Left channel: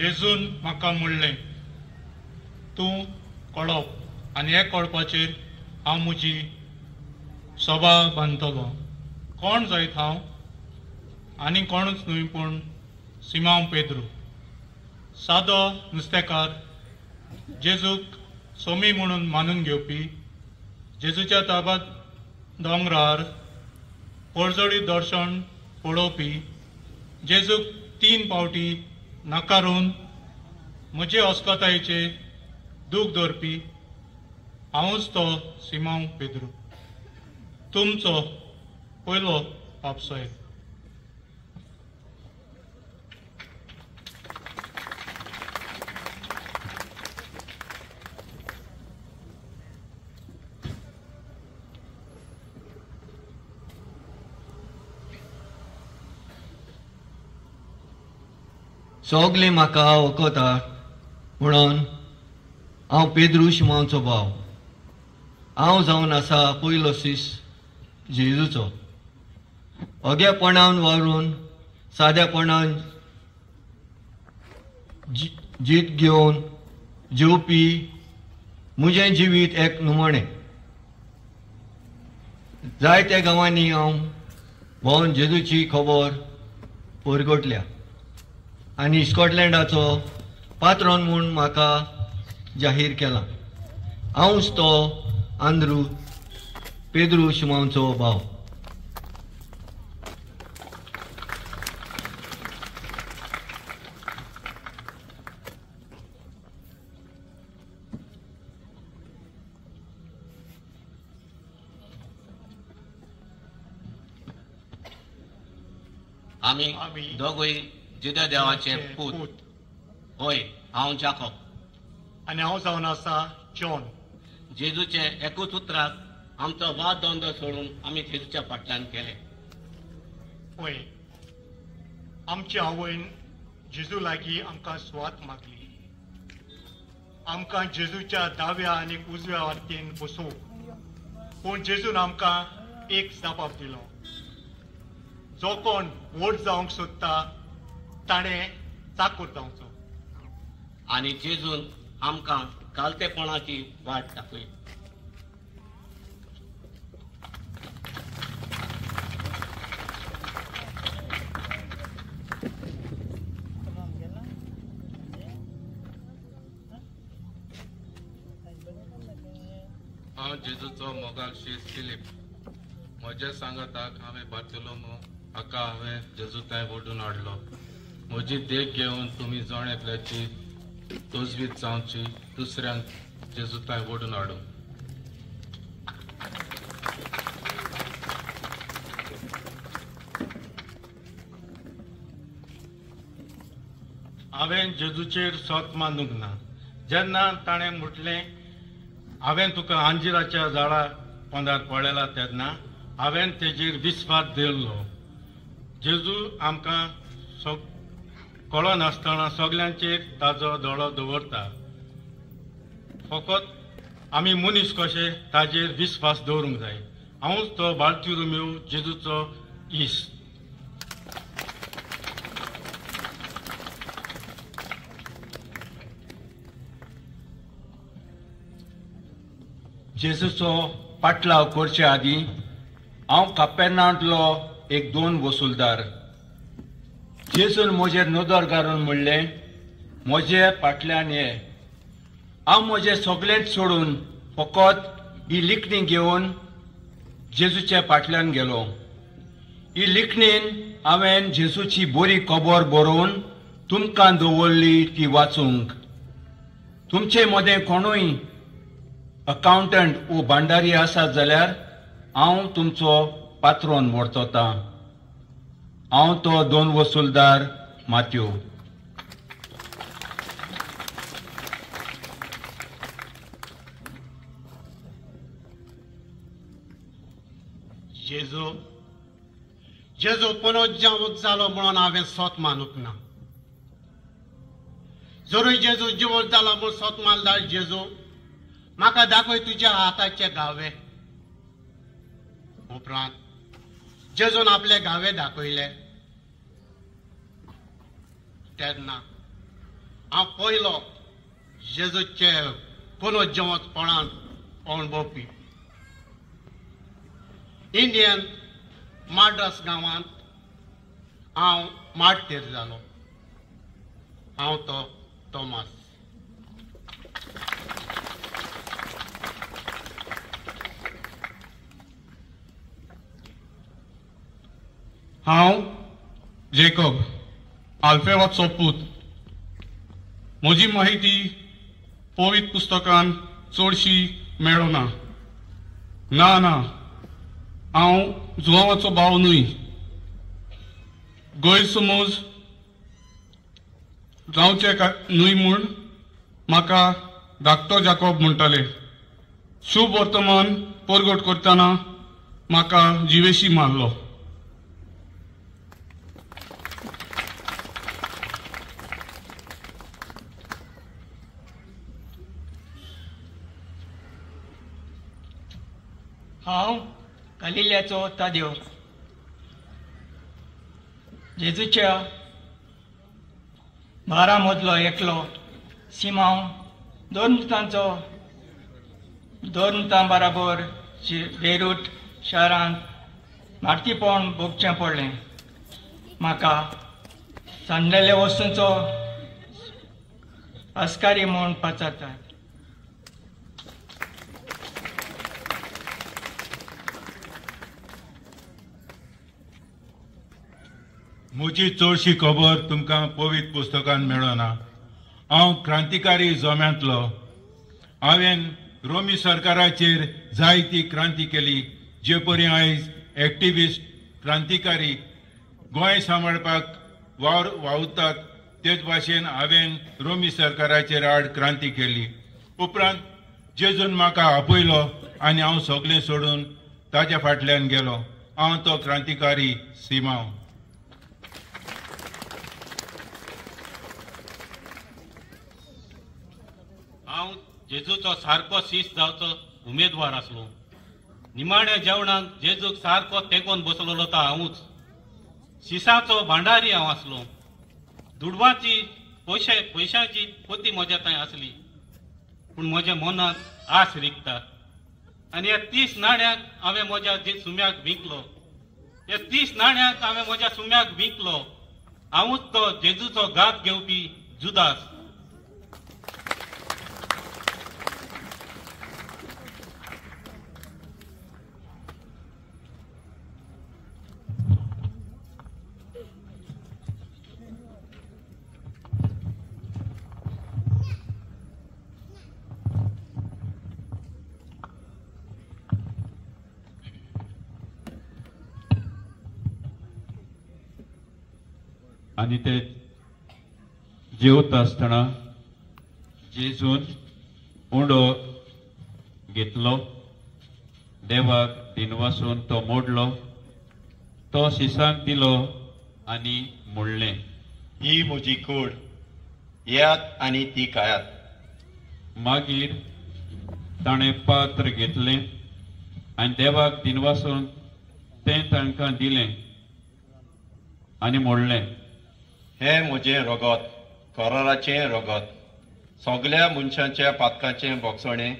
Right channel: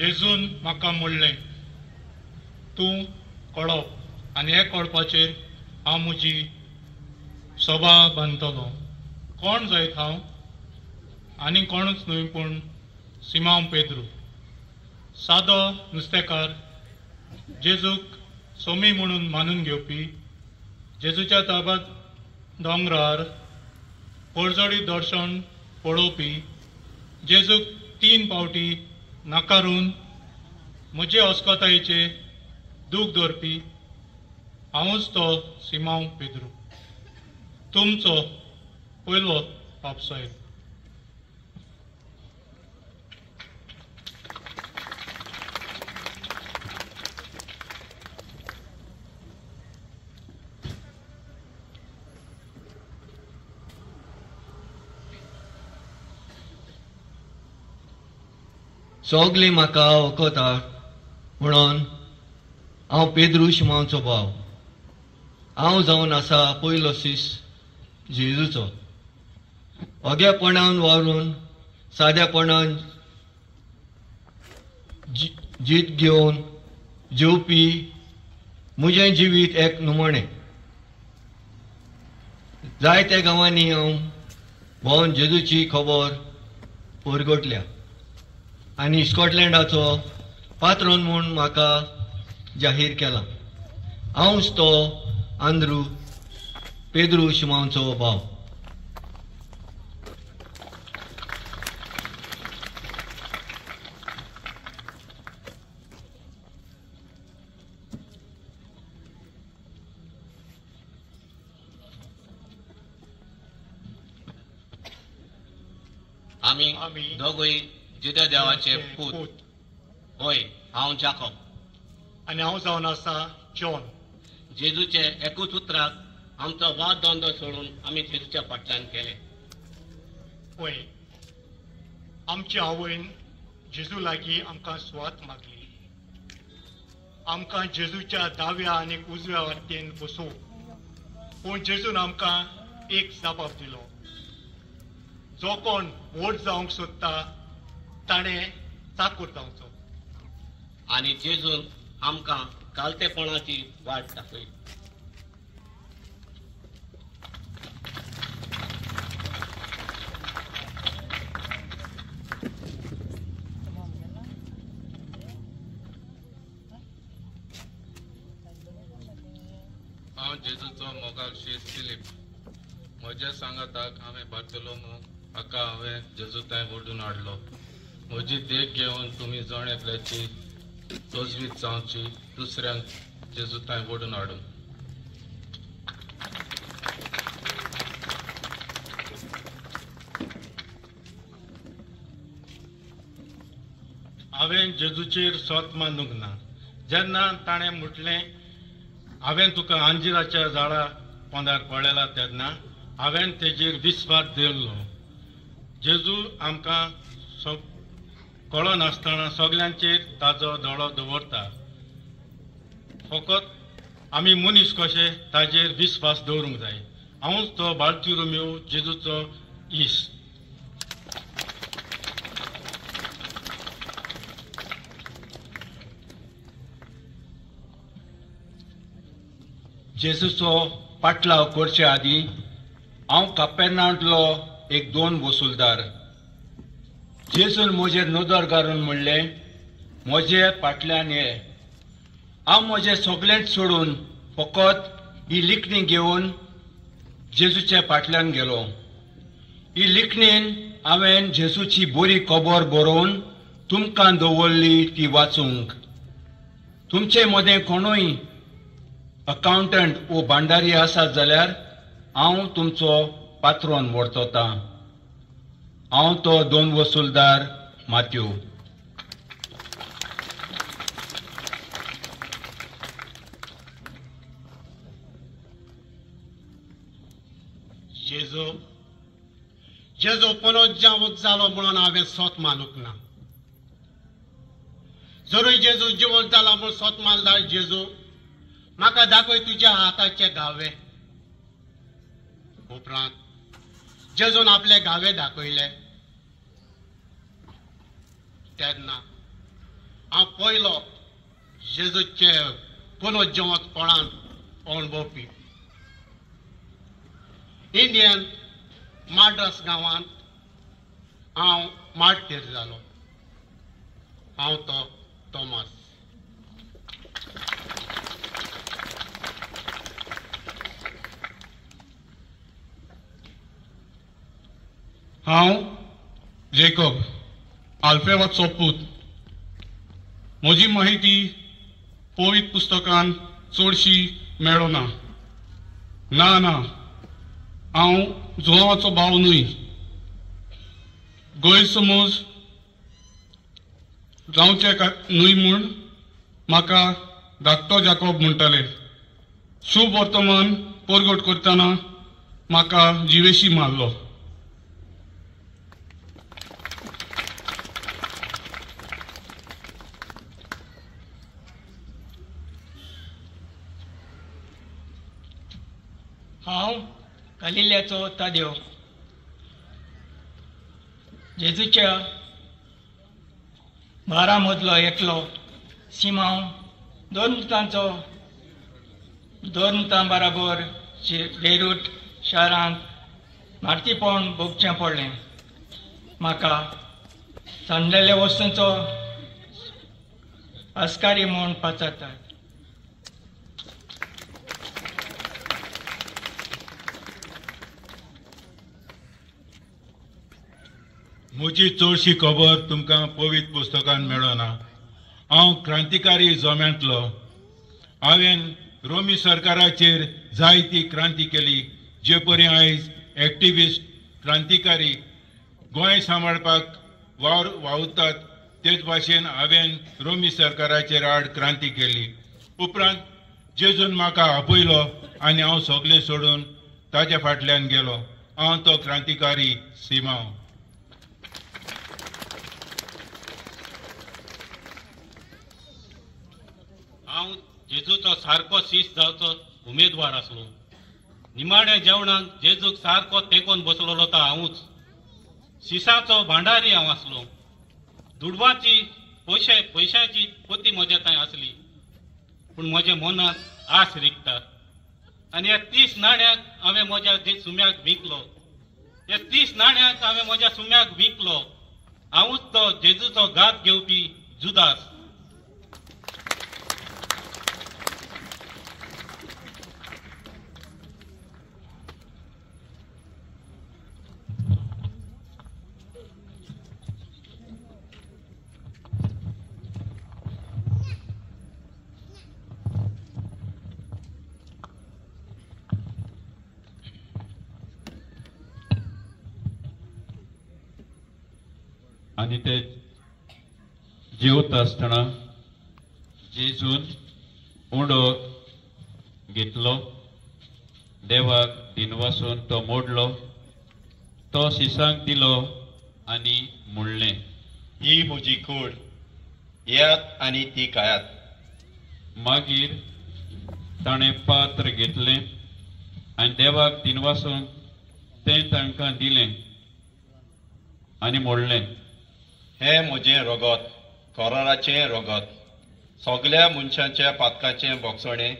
जेजून म्हाका म्हणलें, तूं कळप आनी हे कळपाचेर हांव म्हजी सभा बांदतलो. कोण जायत हांव? आनी कोणूच न्हय पूण सिमोन पेद्रू, सादो नुस्तेकार, जेजूक सोमी म्हणून मानून घेवपी, जेजूच्या ताब्यांत दोंगरार पळजोडी दर्शन पळोवपी, जेजूक 3 फावटी नाकारून म्हजे अस्कोतायेचे दूख धरपी हांवूच तो सिमोन पेद्रू, तुमचो पयलो पापसोय. सगळी म्हाका वळखतात म्हणून हांव पेद्रू शिमोनचो भाव. हांव जावन आसा पयलो शिश जेजूचो. ओग्यापणान वावरून सादेपणान जीत घेवन जेवपी म्हजें जिवीत एक निमणें. जायत्या गांवांनी हांव भोंवन जेजूची खबर परगटल्या आनी स्कॉटलँडाचो पात्रोन म्हूण म्हाका जाहीर केला. हांवूच तो आंद्रू पेद्रू शिमोनचो भाव. आमी दोगूय जुद्या देवाचे पूत. होय, हांव जाकोब. आनी हांव जावन आसा जॉन. जेजूचे एकूच उतराक आमचो वाद दोंदो सोडून आमी जेजूच्या फाटल्यान केले. होय, आमचे आवयन जेजू लागीं आमकां सुवात मागली. आमकां जेजूच्या दाव्या आनी उजव्या वाटेन बसोवंक. पूण जेजून आमकां एक जापाप दिलो. जो कोण व्हड जावंक सोदता ताणें चाकूर जावचो. आनी जेजून आमकां कालतेपणाची वाट दाखयली. हांव जेजूचो मोगाल शीश फिलीप. म्हज्या सांगाताक हांवें बार्तोलोमू हाका हांवें जेजू थंय ओडून हाडलो. म्हजी देख घेवन तुमी जण एकल्याची तोजवीज जावची, दुसऱ्यांक जेजू थंय ओडून हाडूं. हांवें जेजूचेर सोत मानूंक ना. जेन्ना ताणें म्हटलें हांवें तुका आंजिराच्या झाडा पोंदार पळयला तेन्ना हांवें तेजेर विस्वास दवरलो. जेजू आमकां कळो नासतना सगल्यांचेर ताजो दोळो दवरता. फकत आमी मनीस कशे ताजेर विस्वास दवरूंक जाय. हांवूच तो बार्तुलोमेव जेजूचो इश्ट. जेजूचो पाटलाव करचे आदीं हांव कापेर्नावांतलो एक 2 वसूलदार. जेजून म्हजेर नदर घालून म्हणलें, म्हजे फाटल्यान ये. हांव म्हजें सगळेंच सोडून फकत ही लिखणी घेवन जेजूचे फाटल्यान गेलो. ही लिखणीन हांवें जेजूची बरी खबर बरोवन तुमकां दवरली ती वाचूंक. तुमचे मदें कोणूय अकावंटंट वो भांडारी आसात जाल्यार हांव तुमचो पात्रोन वर्तोतां. हांव तो 2 वसूलदार माथ्यू. जेजू पुनरुज्जीवीत जालो म्हणून हांवें सोत मानूंक ना. जरूय जेजू जिवंत जाला म्हूण सोत मानला. जेजू म्हाका दाखय तुज्या हाताचे घावे. उपरांत जेजून आपले घावे दाखयले तेन्ना हांव पयलो जेजूचे पुनर्जिवंतपणान अणभवपी. इंडियन माड्रास गांवांत हांव माडतेर जालो. हांव तो थॉमस. हांव जेकब आल्फेवाचो पूत. म्हजी माहिती पवित्र पुस्तकान चडशी मेळना. ना हांव जुवांवाचो भाव न्हय. गैरसमज जावचे न्हय म्हूण म्हाका धाकटो जाकोब म्हणटाले. शुभ वर्तमान परगट करतना म्हाका जिवेशी मारलो. हांव गालिल्याचो तादेव. जेजूच्या 12 मदलो एकलो सिमांव दोन मुतां बराबर बेरूट शारांत मारतीपण भोगचें पडलें. म्हाका सांडलेल्या वस्तूंचो अस्कारी म्हूण पाचारतात. म्हजी चडशी खबर तुमकां पवित्र पुस्तकान मेळना. हांव क्रांतिकारी जोम्यांतलो. हांवें रोमी सरकाराचेर जायती क्रांती केली. जे परी आयज एक्टिविस्ट क्रांतिकारी गोंय सांबाळपाक वावुरतात तेच भाशेन हांवें रोमी सरकाराचेर आड क्रांती केली. उपरांत जेजून म्हाका आपयलो आनी हांव सगळें सोडून ताच्या फाटल्यान गेलो. हांव तो क्रांतिकारी सिमांव. हांव जेजूचो सारको शिस्त जावचो उमेदवार आसलो. निमाण्या जेवणाक जेजूक सारको तेंकोन बसलोलो तो हांवूच. शिसाचो भांडारी हांव आसलो. दुडवाची पयशांची पोती म्हज्या थंय आसली. पूण म्हज्या मनाक आस रिकता. आनी ह्या 30 नाण्यांक हांवें म्हज्या सुम्याक विकलो. ह्या 30 नाण्यांक हांवें म्हज्या सुम्याक विकलो. हांवूच तो जेजूचो घात घेवपी जुदास. आनी ते जेवता आसतना जेजून उंडो घेतलो. देवाक दिनवासून तो मोडलो. तो शिसांक दिलो आनी म्हणलें, ही म्हजी कूड, येयात आनी ती खायात. मागीर ताणें पात्र घेतलें आनी देवाक दिनवासून तें तांकां दिलें आनी म्हणलें, हे म्हजें रगत, करोराचें रगत. सगळ्या मनशांच्या पातकाचें बोगसणें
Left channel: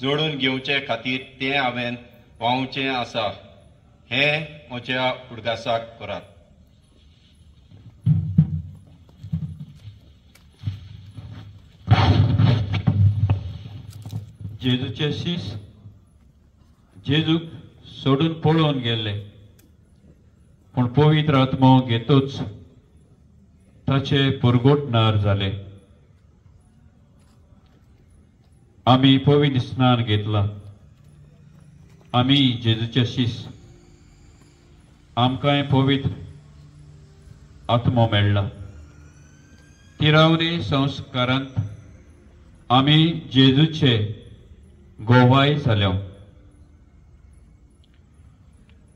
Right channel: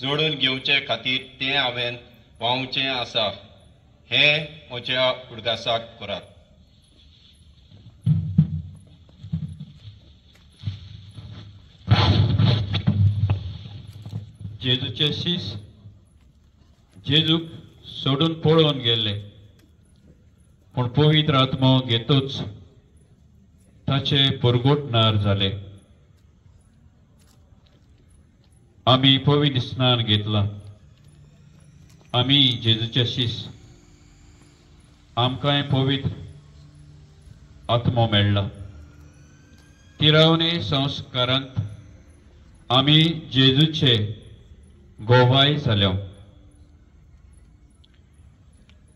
जोडून घेवचे खातीर तें हांवें व्हांवचें आसा. हें म्हज्या उडगासाक करात. जेजूचे शीस जेजूक सोडून पळोवन गेले. पूण पवित्र आत्मो घेतूच ताचे परगोटणार जाले. आमी पवित्र स्नान घेतला. आमी जेजूचे शीस. आमकांय पवित्र आत्मो मेळ्ळा. तिरावणी संस्कारांत आमी जेजूचे गोवाय जाल्यो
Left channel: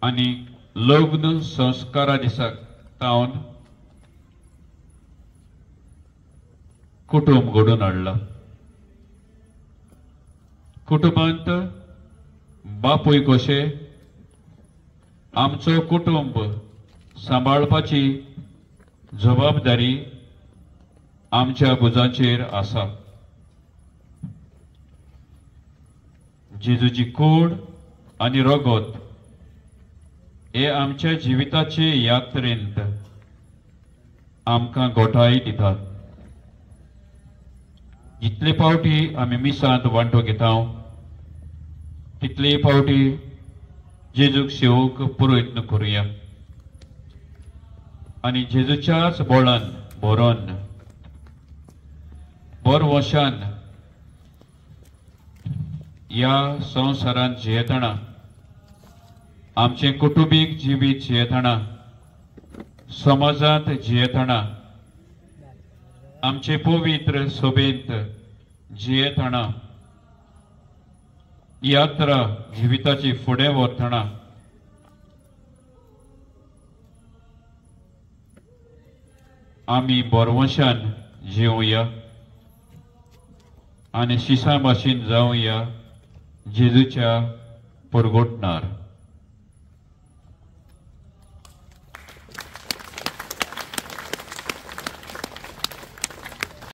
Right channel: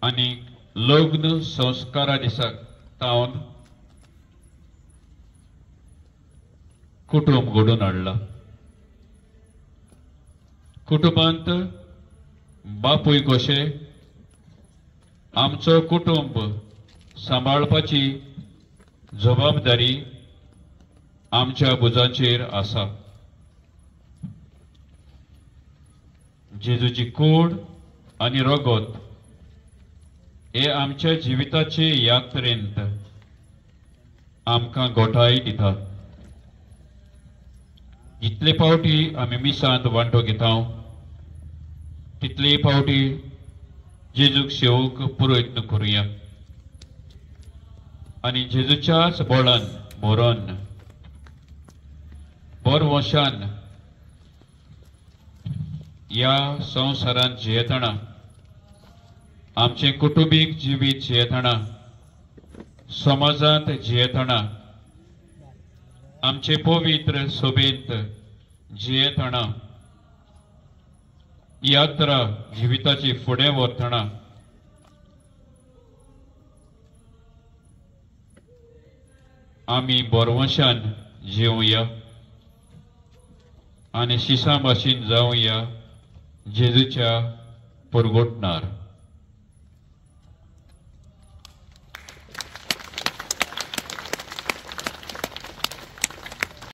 आनी लग्न संस्कारा दिसाक तावन कुटुंब घडोवन हाडला. कुटुंबांत बापूय कशे आमचो कुटुंब सांबाळपाची जबाबदारी आमच्या बुजांचेर आसा. जेजूची कूड आनी रगत हे आमच्या जिविताचे यात्रेंत आमकां गोठाय दितात. जितले फावटी आमी मिसांत वांटो घेता तितले फावटी जेजूक सेवक पुरोयत्न करुया आनी जेजूच्याच बोळान बरोन बोर वशान ह्या संवसारांत जियेतना आमचे कुटुंबीक जिवीत जियेतना समाजांत जियेतना आमचे पवित्र सोबेंत जियेतना यात्रा जिविताची फुडें व्हरतना आमी बोरवंशान जिवुया आनी शिसा भाशेन जावया जेजूच्या परगोटणार.